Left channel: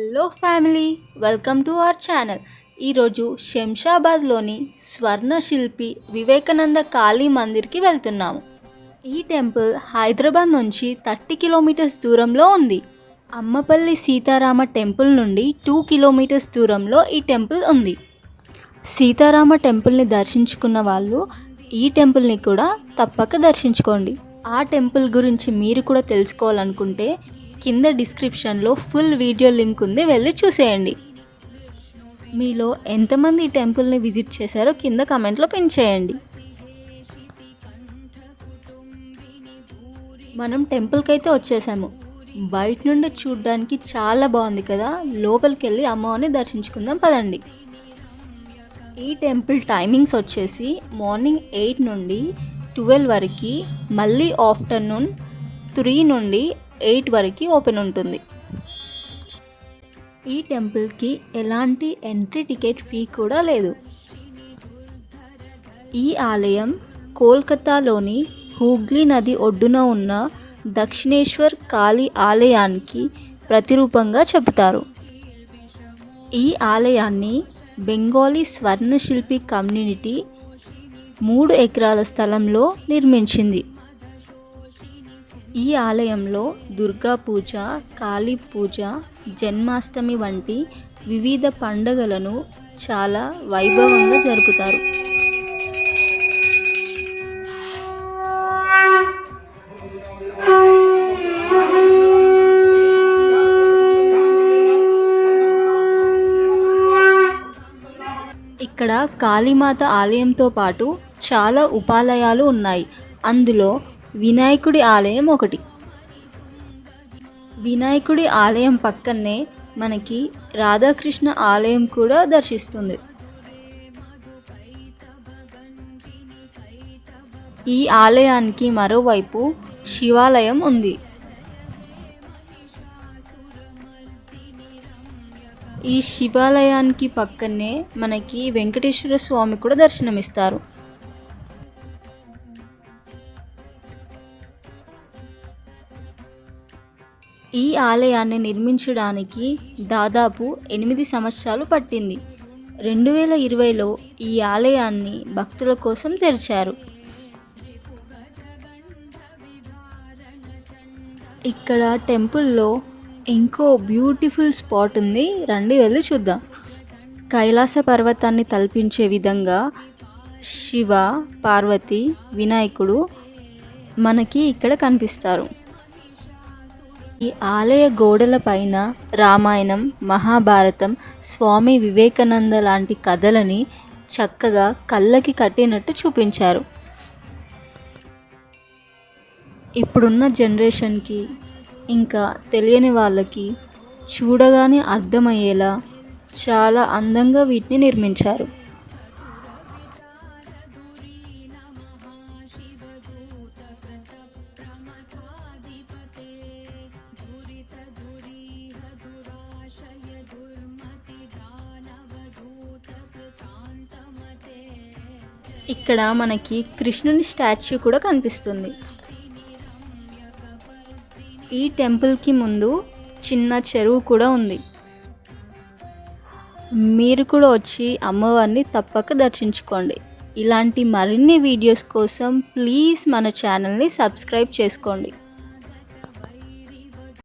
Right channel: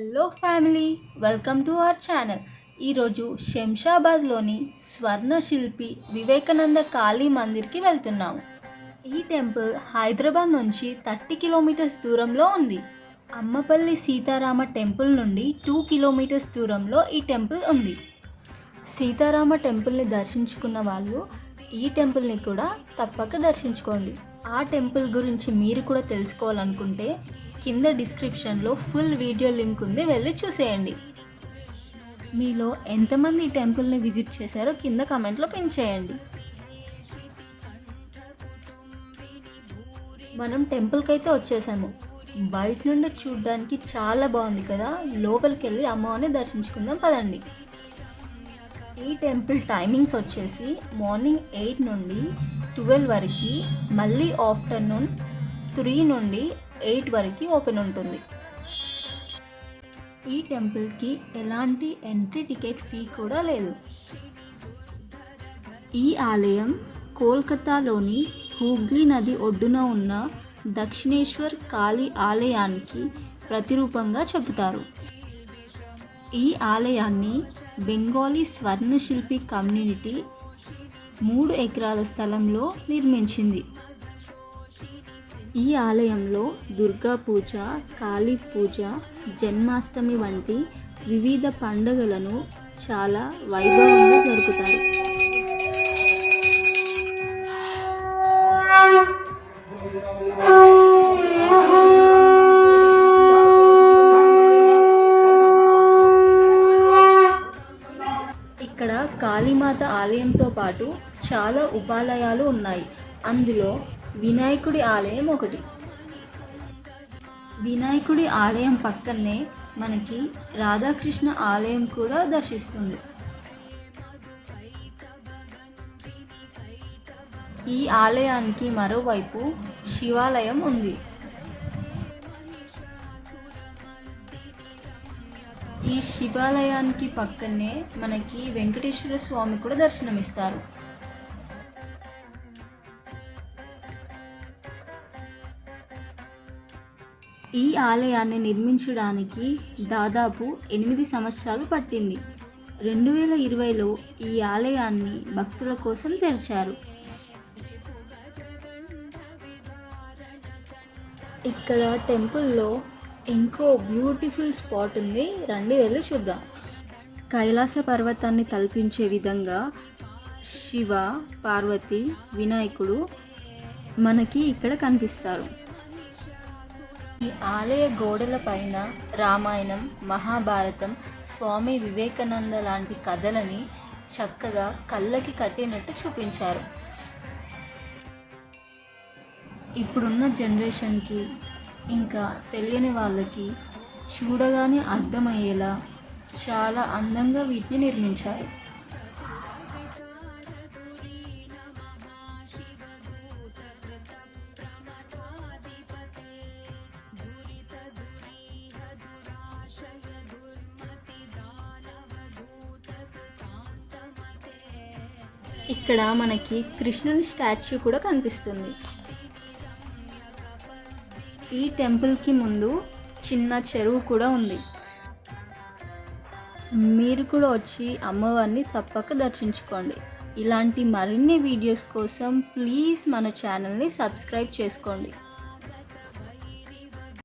Hello family, welcome to our channel. ఈరోజు శంషాబాద్లోని స్వర్ణ శిల్పి వివేకానంద కాళీ మందిర్కి వెళ్తున్నాము. ఈ టెంపుల్ హైదరాబాద్ నుంచి 30 కిలోమీటర్స్ దూరంలో ఉంది. అమ్మపల్లి సీతారామ టెంపుల్ నుండి 2 కిలోమీటర్స్ దూరంలో ఈ టెంపుల్ ఉంది. సీతారామ టెంపుల్ని దర్శించుకున్న వాళ్ళు ఈ టెంపుల్ని కూడా తప్పక దర్శించుకోండి. ఆ టెంపుల్ గురించి మీరు కూడా తెలుసుకోవాలనుకుంటే కింద డిస్క్రిప్షన్లో ఫుల్ వీడియో లింక్ ఉంది, వెళ్ళి చూసేయండి. మీలో ఎంతమంది ఈ టెంపుల్ని విజిట్ చేశారో కింద కమెంట్లో పిన్ చేయండి. మనం టెంపుల్కి అయితే వచ్చేసాము. బయట నుండి చూడడానికి చాలా బాగుంది కదా. లోపలికి వెళ్ళి అమ్మవారిని దర్శించుకుందాం పదండి. ఈ టెంపుల్ టైమింగ్స్ వచ్చేసి మార్నింగ్ 8 నుండి 12 వరకు, మళ్ళీ ఆఫ్టర్నూన్ 3 నుండి 8 వరకు ఓపెన్ ఉంటుంది. ఈ టెంపుల్కి ఎలాంటి ఎంట్రీ టికెట్ ఫీ కూడా లేదు. ఈ ఆలయం కోల్కతాలోని హూగ్లీ నది ఒడ్డున ఉన్న దక్షిణేశ్వర్ కాళీ ఆలయానికి ప్రతిరూపంగా చెబుతారు. ఈ ఆలయాన్ని బెంగాలీ స్వర్ణశిల్పి కమ్యూనిటీ 3 ఎకరాల స్థలంలో నిర్మించింది. ఈ ఆలయంలో దుర్గా పూజ, కాళీ పూజ, జన్మాష్టమి వంటి వివిధ పండుగలను చాలా వైభవంగా జరుపుతారు. ఇక్కడ కాళీమాత ఆలయంతో పాటు చాలా ఉపాలయాలు ఉన్నాయి. అందులో వినాయకుడి ఆలయం ఒకటి. వినాయకుడి ఆలయం పక్కనే మనకి రాధాకృష్ణ ఆలయం కూడా దర్శిస్తుంది. ఈ ఆలయానికి మరోవైపు శివాలయం ఉంది. ఈ శివాలయానికి పక్కనే మనకి వెంకటేశ్వర స్వామి కూడా దర్శనమిస్తారు. ఈ ఆలయాన్ని నిర్మించడానికి దాదాపు 8 సంవత్సరాలు పట్టింది. 2020లో ఈ ఆలయాన్ని భక్తుల కోసం తెరిచారు. ఇక్కడ టెంపుల్లో ఇంకో బ్యూటిఫుల్ స్పాట్ ఉంది, రండి వెళ్ళి చూద్దాం. కైలాస పర్వతాన్ని తలపించే విధంగా శివ, పార్వతి, వినాయకుడు మనకి ఇక్కడ కనిపిస్తారు. ఈ ఆలయ గోడల పైన రామాయణం, మహాభారతం, స్వామి వివేకానంద లాంటి కథలని చక్కగా కళ్ళకి కట్టినట్టు చూపించారు. ఇప్పుడున్న జనరేషన్కి ఇంకా తెలియని వాళ్ళకి చూడగానే అర్థమయ్యేలా చాలా అందంగా వీటిని నిర్మించారు. ఇక్కడ మనకి కృష్ణుని స్టాచ్యూ కూడా కనిపిస్తుంది. ఈ టెంపుల్కి ముందు చిన్న చెరువు కూడా ఉంది. మీరు కూడా వచ్చి అమ్మవారిని తప్పక దర్శించుకోండి. ఇలాంటి మరిన్ని వీడియోస్ కోసం ప్లీజ్ మన ఛానల్ని సబ్స్క్రైబ్ చేసుకోండి.